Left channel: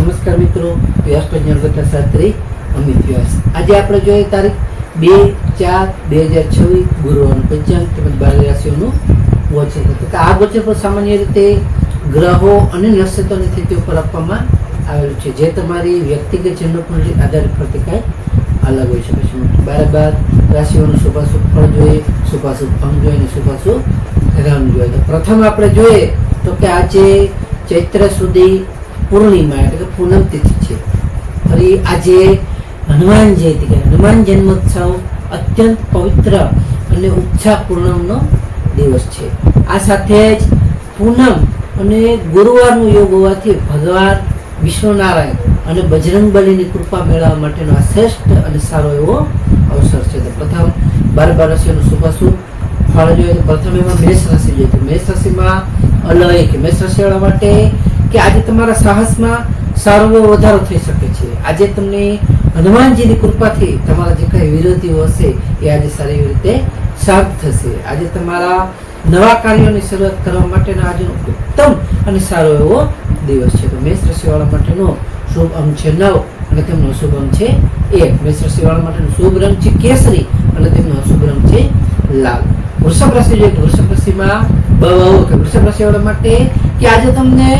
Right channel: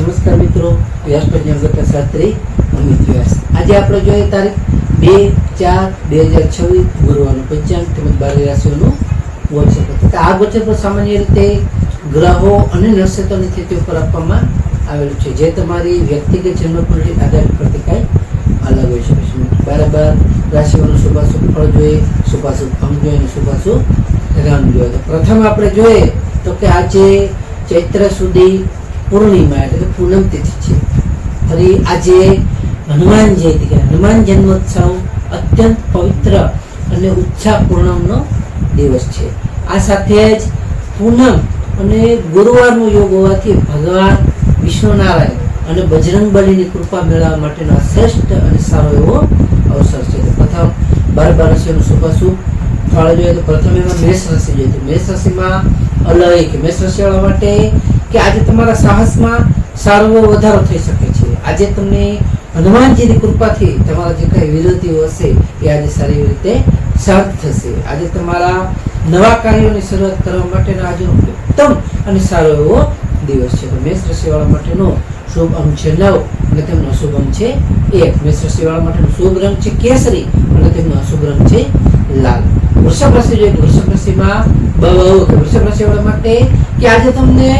નમસ્કાર મિત્રો, વ્યાસ પ્રજ્ઞાગતા શાસ્ત્રી અમિત વ્યાસ. આજે આપણે જોઈએ તારીખ 2/4/2026 ગુરુવારનું પંચાંગ તેમજ 12 રાશિઓનું ગોચર. આ ગોચર પર સામાન્ય રીતે ગ્રહો અને નક્ષત્રોની સ્થિતિઓ પર આપવામાં આવેલું છે, જે તમારી વ્યક્તિગત જન્મકુંડળી આધારિત પરથી કાંઈ અલગ હોઈ શકે છે. 12 રાશિઓનું શુભાશુભ ફળ જોઈએ, શુભાશુભ અંગ જોઈએ અને શુભાશુભ રંગ જોઈએ. તો પ્રથમ આપણે જોઈએ તો કે આજે ચૈત્ર સુધી પૂર્ણિમા એટલે કે પૂનમ તિથિ છે. ફરી આજે હનુમાન જયંતિ કે હનુમાન જન્મોત્સવ અત્યંત પવિત્ર અને ઉત્સાહપૂર્ણનો દિવસ છે. આ સાથે જ પૂનમ અને ગુરુવારનો યોગ હોવાથી ભગવાન વિષ્ણુનારાયણ અને બજરંગબલીની કૃપા મેળવવા માટેનો આ શ્રેષ્ઠ અને સારો એવો અવસર છે. તો પ્રથમ 12 રાશિઓનું શુભાશુભ ફળ જોઈએ તો પ્રથમ એમાં મેષ રાશિ જોઈએ. તો મેષ રાશિમાં અલય કે મેષ રાશિવાળા માટે કે આજે તમારા સાહસમાં સારો એવો વધારો થઈ શકે છે. આજે તમને હનુમાનજીની કૃપાથી તમારા જે કઈ વિરોધીઓ હશે એ આજે સારી રીતે શાંત થશે. આજે તમારા નવા કાર્યોની શરૂઆત કરવા માટેનો આજે ઉત્તમ અને સારો એવો દિવસ છે. તો મેષ રાશિવાળા માટેનો શુભ અંક છે 9 અને તેમનો અશુભ અંક છે 1. મેષ રાશિવાળા માટેનો શુભ રંગ છે કેસરી અને તેમનો અશુભ રંગ છે લાલ. વૃષભ રાશિ જોઈએ તો વૃષભ રાશિમાં વૃષભ રાશિવાળા માટે કે આજે તમને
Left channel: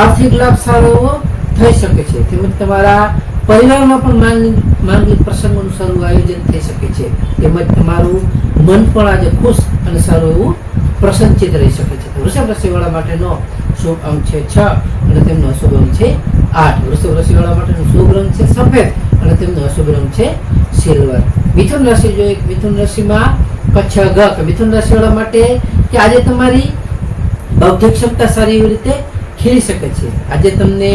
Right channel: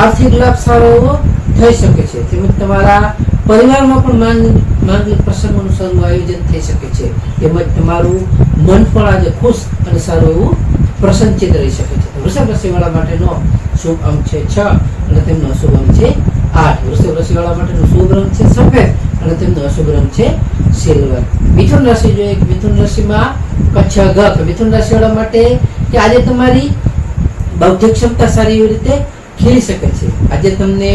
આર્થિક લાભ સારો એવો થઈ શકે છે. તેમજ તમારા પરિવારમાં પણ માંગલિક પ્રસંગોનું સારું આયોજન થઈ શકે છે. તેમજ તમારું મન પણ આજે ખુશ અને સારું એવું પ્રસન્નચિત રહી શકે છે. વૃષભ રાશિવાળા માટેનો શુભ અંક છે 6 અને તેમનો અશુભ અંક છે 8. વૃષભ રાશિવાળા માટેનો શુભ રંગ છે સફેદ અને તેમનો અશુભ રંગ છે સિલ્વર. મિથુન રાશિ જોઈએ કે મિથુન રાશિમાં કચ્છ ગ કે મિથુન રાશિવાળા માટે કે આજે તમારી બૌદ્ધિક ક્ષમતા સારી એવી રીતે ખીલી શકે છે. આજે તમને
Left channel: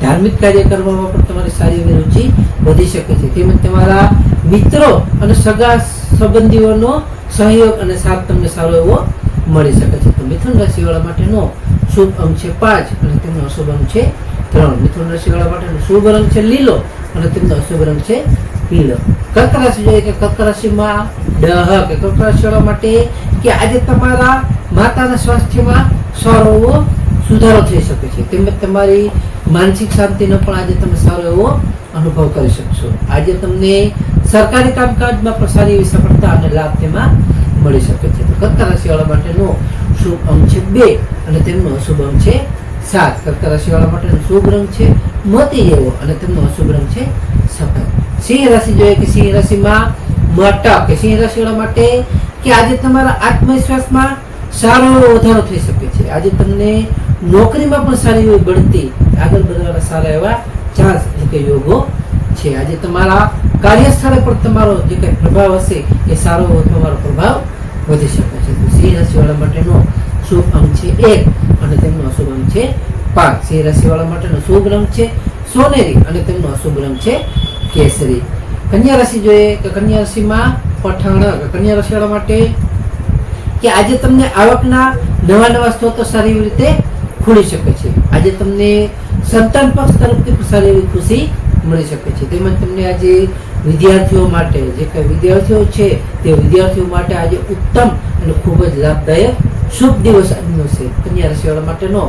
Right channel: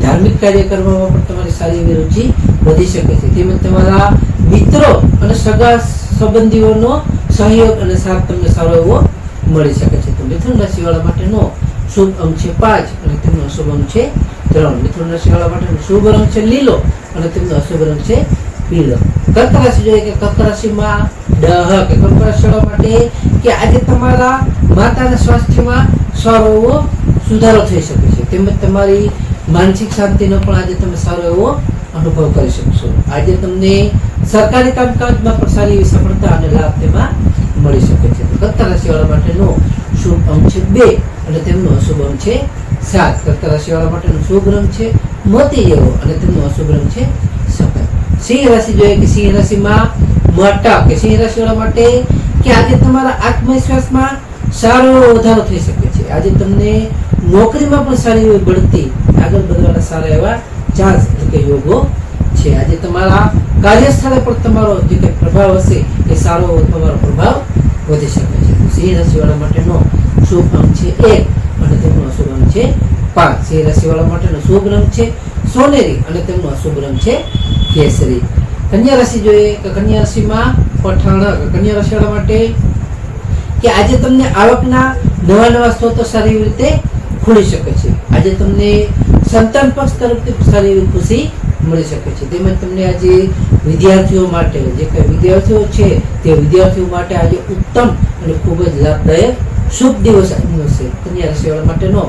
ધાર્મિક કાર્ય કરવામાં પણ તમારી સારી એવી રુચિ વધી શકે છે. તેમજ તમારા મિત્રો અને સગા સંબંધીઓનો સહયોગ અને સાથ તમને સારો એવો મળી શકે છે. તો મિથુન રાશિવાળા માટેનો શુભ અંક છે 5 અને તેમનો અશુભ અંક છે 3. મિથુન રાશિવાળા માટેનો શુભ રંગ છે લીલો અને તેમનો અશુભ રંગ છે પીળો. કર્ક રાશિ જોઈએ કે કર્ક રાશિમાં કે કર્ક રાશિવાળા માટે કે આજે તમારા માતાના સ્વાસ્થ્યમાં સારો એવો સુધારો થઈ શકે છે. તેમજ તમારી માનસિક શાંતિનો પણ આજે તમે સારો એવો અનુભવ કરી શકશો. આજે તમને સરકારી કામકાજમાં પણ સારી એવી સફળતા અને લાભ તેમાં મળી શકે છે. તો કર્ક રાશિવાળા માટેનો શુભ અંક છે 2 અને તેમનો અશુભ અંક છે 7. કર્ક રાશિવાળા માટેનો શુભ રંગ છે મોતી જેવો અને તેમનો અશુભ રંગ છે સફેદ. સિંહ રાશિ જોઈએ કે સિંહ રાશિમાં મટક કે સિંહ રાશિવાળા માટે કે આજે તમારા આત્મવિશ્વાસમાં સારો એવો વધારો થઈ શકે છે. આજે તમને નોકરીમાં પણ સારી એવી બઢતી આગળ વધવાના સારા એવા ચાન્સ એટલે કે યોગો છે. આજે તમારા કાર્યસ્થળે પણ તમારો જે કંઈ પ્રભાવ હશે એ સારો તમારો પ્રભાવ વધી શકે છે. તો સિંહ રાશિવાળા માટેનો શુભ અંક છે 1 અને તેમનો અશુભ અંક છે 5. સિંહ રાશિવાળા માટેનો શુભ રંગ છે સોનેરી અને તેમનો અશુભ રંગ છે કેસરી. કન્યા રાશિ જોઈએ કે કન્યા રાશિમાં પઠાણ કન્યા રાશિવાળા માટે કે આજે તમને આવકના નવા સ્ત્રોતો સારી એવી રીતે ખુલી શકે છે. આજે તમને સંતાન પક્ષ તરફથી સારી એવી ખુશી મળી શકે છે. તેમજ તમને આજે વિદ્યાર્થીઓ માટે જે કઈ વિદ્યાર્થીઓ છે તે વિદ્યાર્થીઓ માટે આજે ઉત્તમ અને ખૂબ જ લાભદાયક શુભ દિવસ આજનો છે. કન્યા રાશિવાળા માટેનો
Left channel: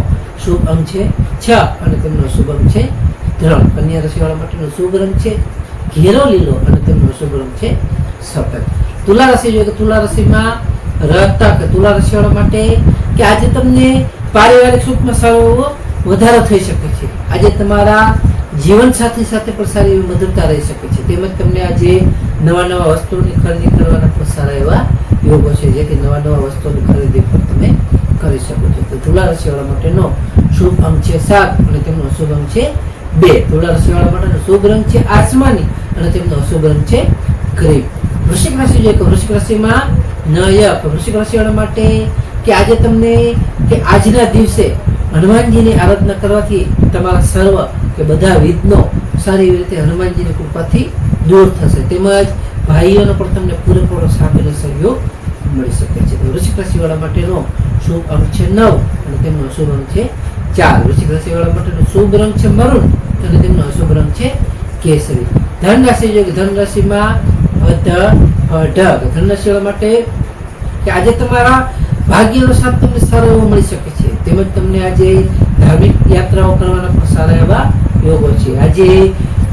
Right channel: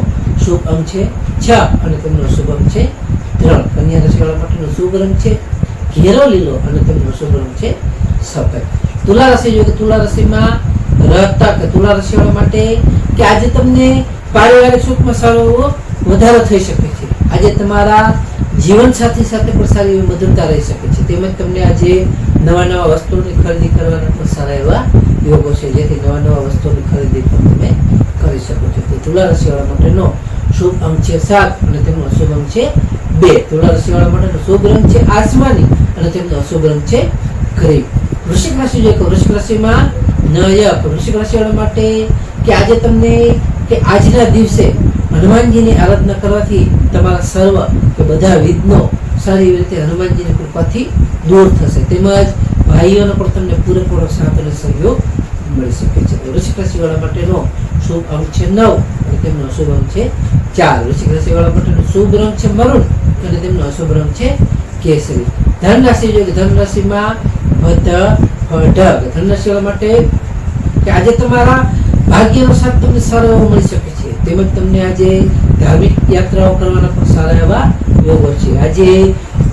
શુભ અંક છે 6 અને તેમનો શુભ અંક છે 3. કન્યા રાશિવાળા માટેનો શુભ રંગ છે ઘેરો લીલો અને તેમનો શુભ રંગ છે સફેદ. તુલા રાશિ જોઈએ તો તુલા રાશિમાં તુલા રાશિવાળા માટે કે આજે તમને પારિવારિક સુખમાં સારો એવો વધારો થઈ શકે છે. આજે તમારા જીવન સાથી સાથે પણ સારી એવી મધુરતા રહી શકે છે. તેમજ તમને આજે નવા વસ્તુઓની ખરીદી કરવાના પણ સારા એવા યોગો છે, જેથી નવા વસ્તુઓની ખરીદી પણ તમે કરી શકો છો. તો તુલા રાશિવાળા માટેનો શુભ અંક છે 7 અને તેમનો અશુભ અંક છે 2. તુલા રાશિવાળા માટેનો શુભ રંગ છે આસમાની અને તેમનો અશુભ રંગ છે ગ્રીન. વૃશ્ચિક રાશિ જોઈએ કે વૃશ્ચિક રાશિમાં વૃશ્ચિક રાશિવાળા માટે કે આજે તમને કે આજના દિવસે હનુમાનજીની આરાધના કરવાથી તમારા સર્વ કે બધા વિઘ્નો સારી રીતે હનુમાનજીની કૃપાથી દૂર થશે. તેમજ ભાઈઓનો પણ તમને પૂરેપૂરો સાથ અને સહયોગ મળી શકે છે. વૃશ્ચિક રાશિવાળા માટેનો શુભ અંક છે 9 અને તેમનો અશુભ અંક છે 4. વૃશ્ચિક રાશિવાળા માટેનો શુભ રંગ છે મરૂન અને તેમનો અશુભ રંગ છે કેસરી. ધન રાશિ જોઈએ કે ધન રાશિમાં ધન રાશિવાળા માટે કે આજે તમારા ભાગ્યનો સાથ તમને સારો એવો મળી શકે છે. તેમજ તમને આજે ધાર્મિક યાત્રાઓ કરવાના પણ સારા એવા યોગો છે. આજે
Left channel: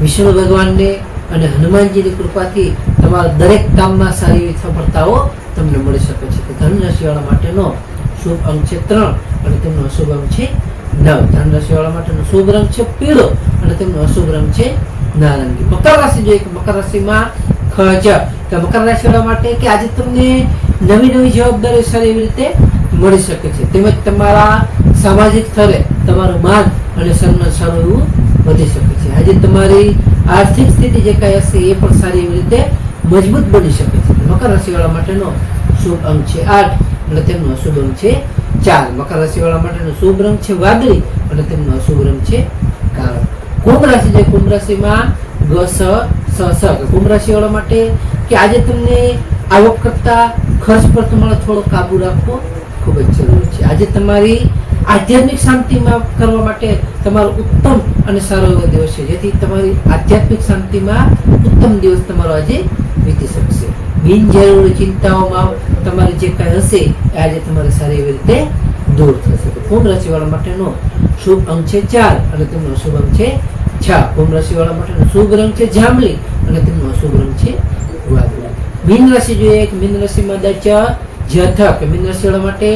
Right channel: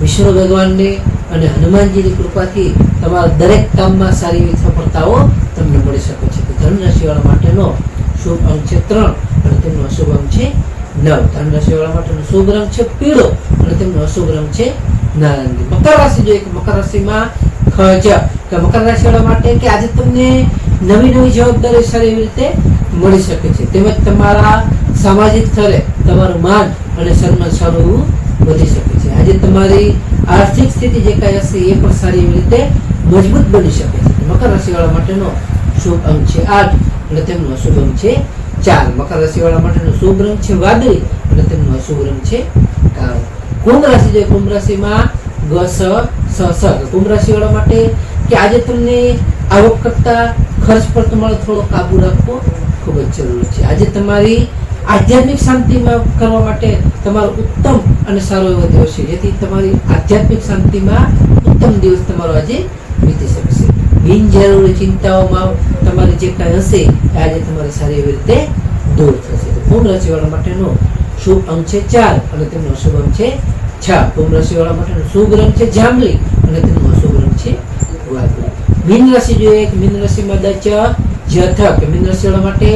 વિષ્ણુ ભગવાનને અને હનુમાનજીની કૃપાથી તમારા દરેક કામમાં સારી એવી સફળતાઓ તમને મળી શકે છે. તો ધન રાશિવાળા માટેનો શુભ અંક છે 3 અને તેમનો અશુભ અંક છે 9. ધન રાશિવાળા માટેનો શુભ રંગ છે પીળો અને તેમનો અશુભ રંગ છે નારંગી. મકર રાશિ જોઈએ કે મકર રાશિમાં ખજ કે મકર રાશિવાળા માટે કે આજે તમને નવી નવી જવાબદારી સારી એવી રીતે મળી શકે છે. તેમજ તમારા સામાજિક સ્તરે તમારું માન અને સન્માન સારું એવું વધી શકે છે. આજે તમારી આર્થિક સ્થિતિ જે કાંઈ હશે એ પણ સારી એવી રીતે મજબૂત બની શકે છે. મકર રાશિવાળા માટેનો શુભ અંક છે 8 અને તેમનો અશુભ અંક છે 4. મકર રાશિવાળા માટેનો શુભ રંગ છે વાદળી અને તેમનો અશુભ રંગ છે કાળો. કુંભ રાશિ છે કુંભ રાશિમાં ગ સ સ સ. કુંભ રાશિવાળા માટે કે આજે તમને આવક કરતા ખર્ચ પર તમારે થોડો કાબુ રાખવો ખૂબ જ જરૂરી છે. આજે તમારી આધ્યાત્મિક શાંતિમાં કરવા માટે તમારો ઉત્તમ અને સારો એવો દિવસ છે, જેથી તમારી આધ્યાત્મિક શાંતિમાં ઉત્તમ દિવસ તમારો આજે વીતી શકશે. બિનજરૂરી ચિંતાઓમાં તમારી જે કાંઈ હશે એ આજે તમારી સારી એવી રીતે દૂર થશે. તો કુંભ રાશિવાળા માટેનો શુભ અંક છે 4 અને તેમનો અશુભ અંક છે 6. કુંભ રાશિવાળા માટેનો શુભ રંગ છે જાંબલી અને તેમનો અશુભ રંગ છે વાદળી. મીન રાશિ જોઈએ કે મીન રાશિમાં દચ જથ કે મીન રાશિવાળા માટે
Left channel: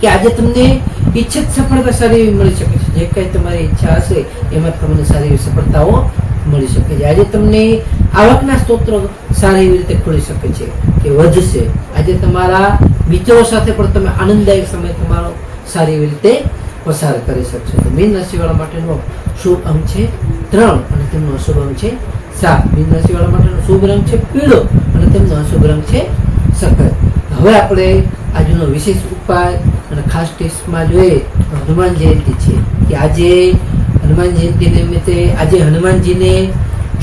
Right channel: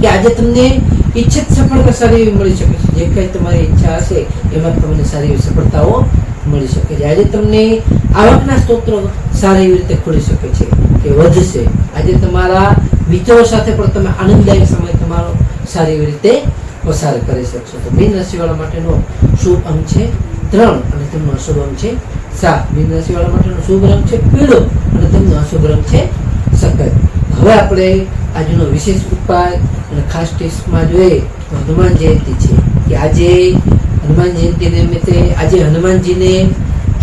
કે આજે તમને ઈચ્છિત સફળતા સારી એવી મળી શકે છે. જે કંઈ તમારી ઈચ્છા હશે એમાં તમને સારી એવી સફળતાઓ મળી શકે છે. આજે તમને આવકના સ્ત્રોતો સારી એવી રીતે ખુલી શકે છે કે વધશે. આજે તમારા મિત્રો સાથે પણ તમે આનંદદાયક સમય તમારો સારી એવી રીતે પસાર કરી શકશો. તો મીન રાશિવાળા માટેનો શુભ અંક છે 3 અને તેમનો અશુભ અંક છે 7. મીન રાશિવાળા માટેનો શુભ રંગ છે પીળો અને તેમનો અશુભ રંગ છે સફેદ. હવે આપણે આજનો વિશેષ ઉપાય અને ખાસ ટિપ્સમાં જોઈએ તો હનુમાન જયંતિ છે કે આજે હનુમાન જયંતિ નિમિત્તે આજે હનુમાનજીને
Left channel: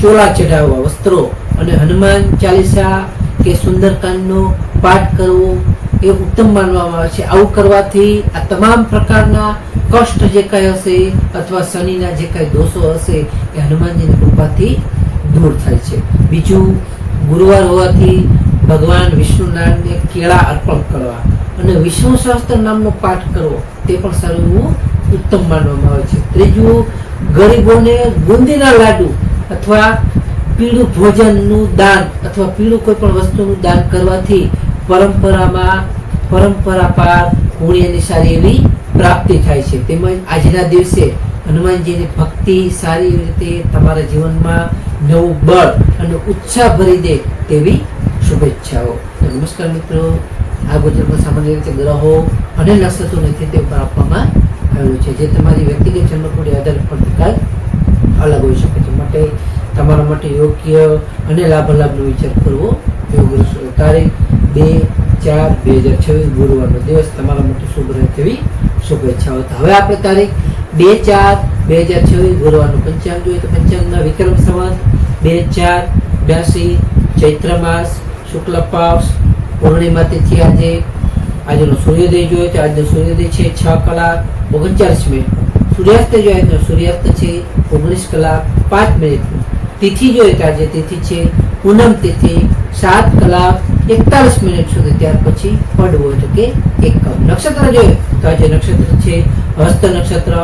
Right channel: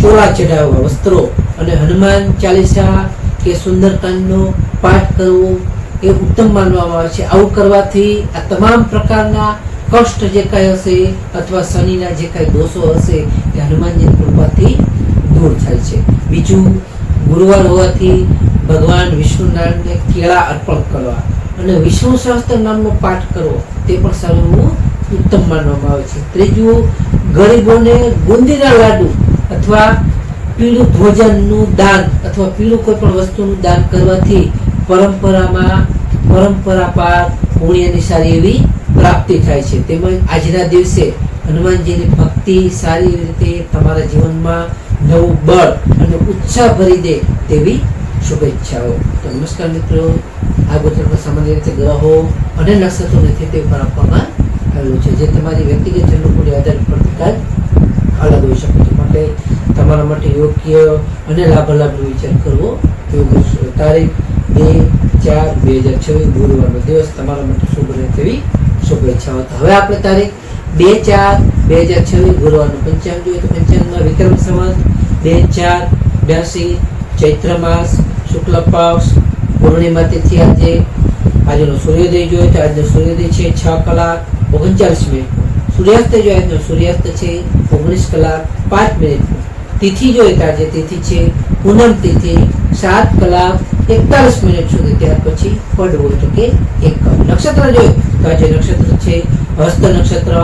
ચોલા ચઢાવવા વસ્ત્રો અને હનુમાન ચાલીસા કે સુંદરકાંડનો પાઠ કરવો એ ઉત્તમ માનવામાં આવે છે. આવું કરવાથી આ તમામ પ્રકારના કષ્ટ જે કાંઈ હશે અથવા શનિના જે કાંઈ દોષો હશે એ હનુમાનજીની કૃપાથી દૂર થાય છે. બીજું, ગુરુવાર હોવાથી ભગવાન વિષ્ણુનારાયણને કેળા અર્પણ કરવા અને વિષ્ણુ સહસ્ત્ર નામનો પાઠ કરવો તે પણ સારું ઉત્તમ માનવામાં આવે છે. ત્રીજું, ગરીબોને બુંદીના લાડુ અથવા પીળું ભોજનનું દાન અથવા પીળું કોઈ પણ વસ્તુનું દાન કરવાથી પરંપરા પાર પુણ્યની સારી એવી પ્રાપ્તિ થાય છે. તેમજ આજના દિવસે હનુમાનજીની ભક્તિ સારી રીતે તમારા જીવનમાં નવું બળ અને ઉત્સાહ ભરી દે તેવી શુભેચ્છાઓ. તો નમસ્કાર મિત્રો, આ ગોચરમાં સામાન્ય રીતે ગ્રહો અને નક્ષત્રોની સ્થિતિ ઉપર આપવામાં આવેલું છે, જે તમારી વ્યક્તિગત જન્મકુંડળી આધાર પરથી કાંઈક અલગ હોઈ શકે છે. માટે તમારા માટે યોગ્ય અને લાભાલાભનો વિચાર કરવો યોગ્ય છે. તારીખ 2/4/2026 ગુરુવારનો દિવસ તમારા માટે શુભ રહે તેવી શુભેચ્છાઓ. હવે આપણે તારીખ 2/4/2026 ગુરુવારનું પંચાંગ જોઈએ તો પંચાંગમાં વિક્રમ સંવત 2082 ચૈત્ર માસ શુક્લ પક્ષ પૂર્ણિમા તિથિ. આજનો સૂર્યોદય જોઈએ તો આજનો સૂર્યોદય છે 6:39. સૂર્યાસ્ત જોઈએ આજનો સૂર્યાસ્ત છે 19:05. તિથિ જોઈએ તો આજે તિથિ છે પૂનમ તિથિ 7:41 સુધી. ત્યાર પછી પડવો એટલે કે 1. નક્ષત્ર જોઈએ તો આજે નક્ષત્ર છે હસ્ત નક્ષત્ર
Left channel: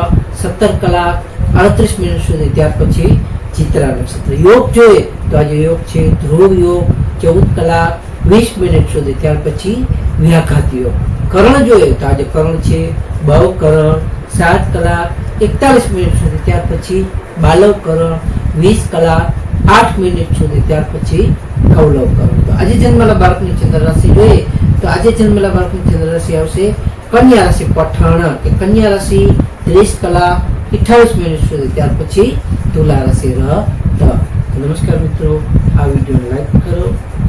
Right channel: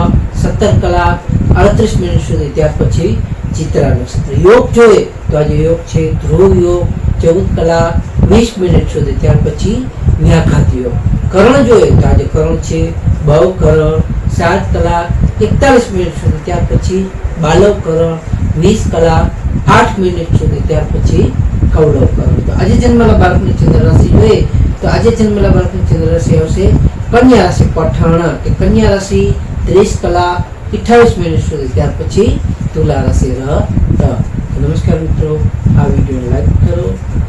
17:38 સુધી. ત્યાર પછી ચિત્રા નક્ષત્ર. યોગ જોઈએ તો આજે યોગ છે ધ્રુવ યોગ 14:20 સુધી. ત્યાર પછી વ્યાઘાત યોગ. કરણ જોઈએ તો આજે કરણ છે બવ કરણ 7:41 સુધી. ત્યાર પછી બાલવ કરણ 20:08 સુધી. ત્યાર પછી કૌલવ કરણ. તો આજે જન્મેલા બાળકની ચંદ્ર રાશિ જોઈએ તો આજે જન્મેલા બાળકની ચંદ્ર રાશિ આવશે કન્યા રાશિ પઠાણ કે કન્યા રાશિ 30:28 સુધી. ત્યાર પછી તુલા રાશિ તો નમસ્કાર મિત્રો, આ વિડીયોને લાઈક કરો,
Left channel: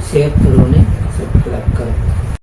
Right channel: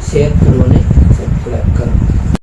શેર કરો અને સબસ્ક્રાઈબ કરો.